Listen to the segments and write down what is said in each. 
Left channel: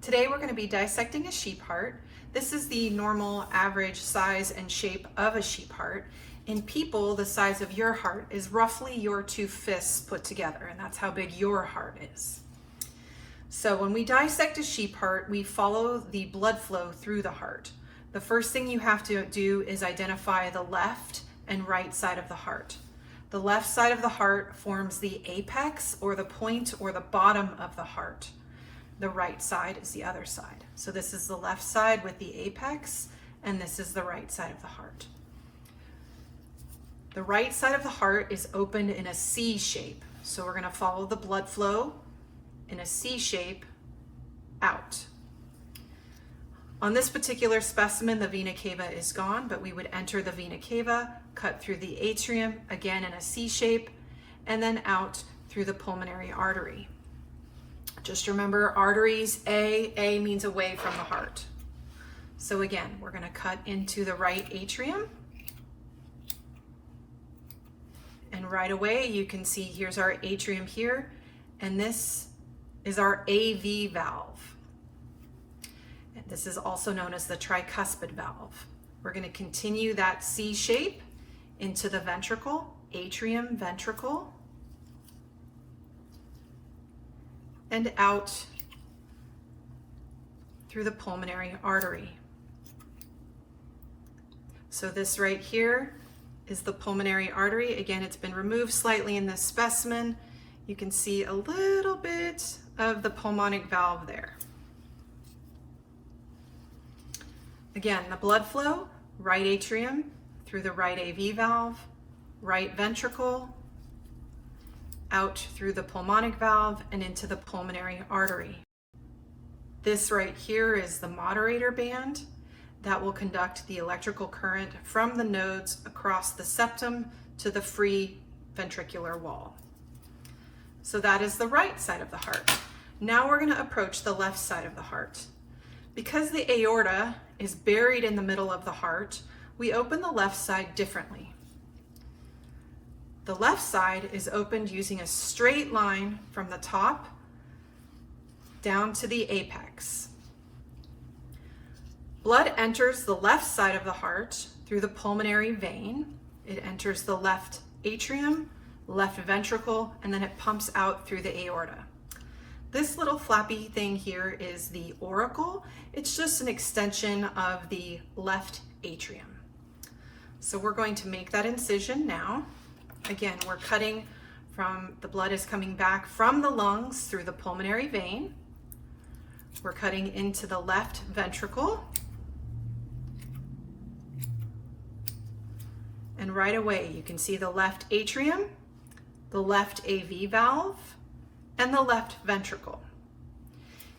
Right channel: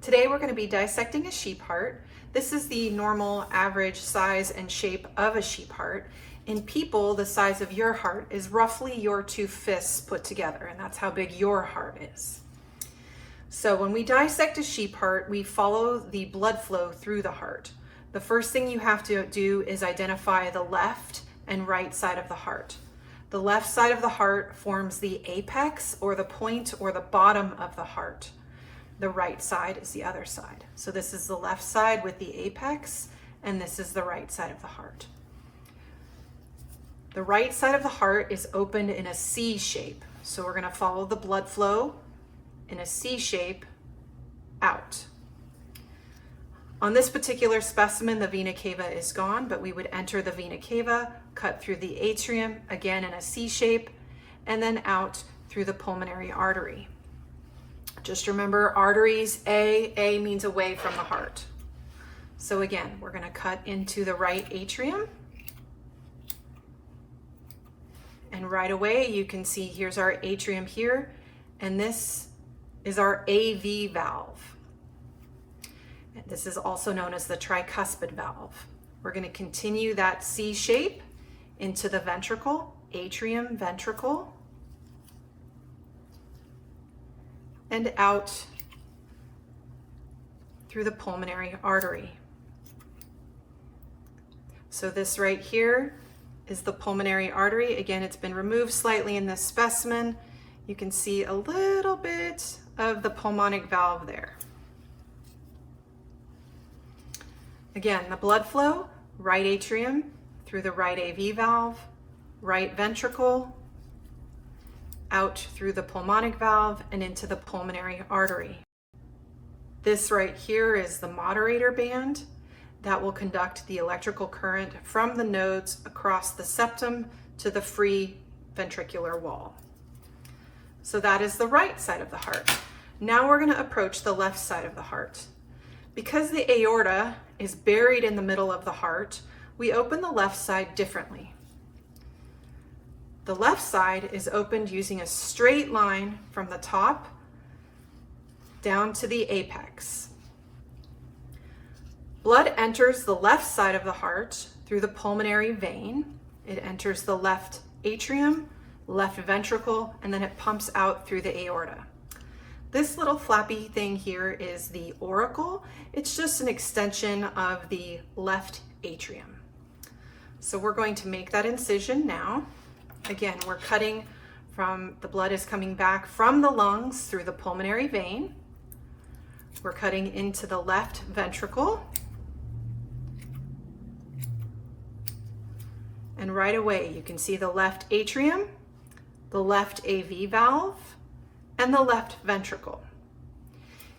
Today we're going to be dissecting a sheep heart. This is the normal average size and shape of a sheep heart. In people, the size of your heart is roughly your two fists put together, and that's how big your heart is. So when we dissect a sheep heart, we follow the blood flow through the heart. The first thing you have to do is identify the left and right side of the heart. The left side of the heart forms the apex, or the point or the bottom of the heart. The right side is the other side. So this is the left side with the apex, and this is the right side of the heart. The right side of the heart is opened in a C shape. So we're going to follow the blood flow in a C shape out. On this particular specimen, the vena cava is gone, but we would enter the vena cava, cut through the atrium, again in a C shape, and then out through the pulmonary artery. Just remember, arteries, A means away from the heart. So again, we're going to cut into the right atrium. And right away, you can see here's our atrium here, and this is our AV valve. And this is also known as the tricuspid valve. We're going to continue that C shape into the ventricle, atrium, ventricle, and out through the pulmonary artery. So this right here is the pulmonary artery. Again, it's been removed slightly in this specimen. You can see a little bit of the pulmonic valve there. Again, the blood flow, right atrium through the right AV valve, right ventricle, out through the pulmonic valve and into the pulmonary artery. This right here is the moderator band that will conduct the electrical current from the nodes across the septum to the free ventricular wall. So that is the right side of the heart. Now we're going to approach the left side of the heart. Because the aorta is buried in the middle of the heart, we open the left side differently. The left side is opened using a straight line from the top down to the apex. Blood enters the left side of the heart through the pulmonary vein. It enters the left atrium, left ventricle, and then it pumps out through the aorta. This little flappy thing here is the auricle. It's just an extension of the left atrium. So we're going to make that incision now. Again, we're cutting from, the blood is coming back from the lungs through the pulmonary vein. We're cutting into the left ventricle. And right away, you can see the left atrium, the left AV valve, and the left ventricle.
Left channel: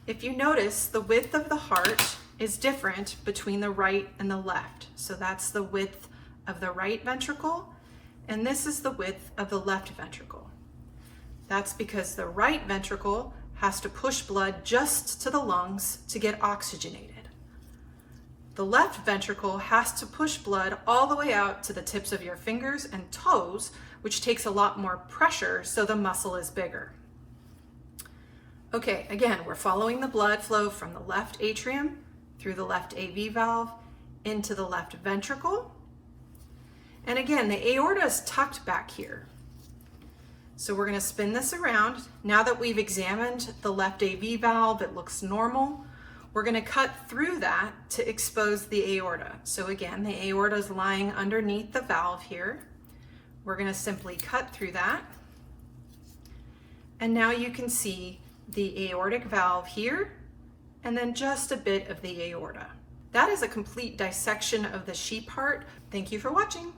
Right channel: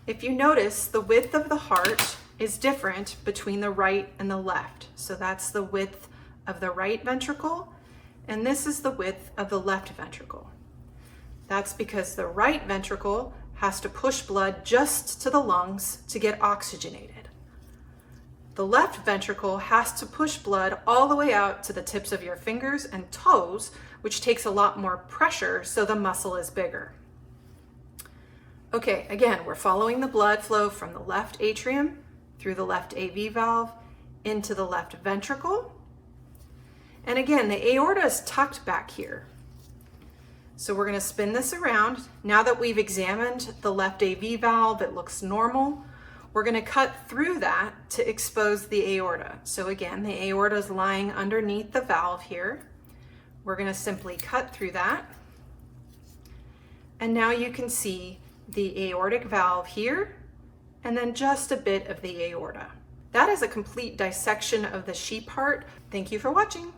If you notice, the width of the heart is different between the right and the left. So that's the width of the right ventricle, and this is the width of the left ventricle. That's because the right ventricle has to push blood just to the lungs to get oxygenated. The left ventricle has to push blood all the way out to the tips of your fingers and toes, which takes a lot more pressure, so the muscle is bigger. Okay, again, we're following the blood flow from the left atrium through the left AV valve into the left ventricle. And again, the aorta is tucked back here. So we're going to spin this around. Now that we've examined the left AV valve, it looks normal. We're going to cut through that to expose the aorta. So again, the aorta is lying underneath the valve here. We're going to simply cut through that. And now you can see the aortic valve here, and then just a bit of the aorta. That is a complete dissection of the sheep heart. Thank you for watching.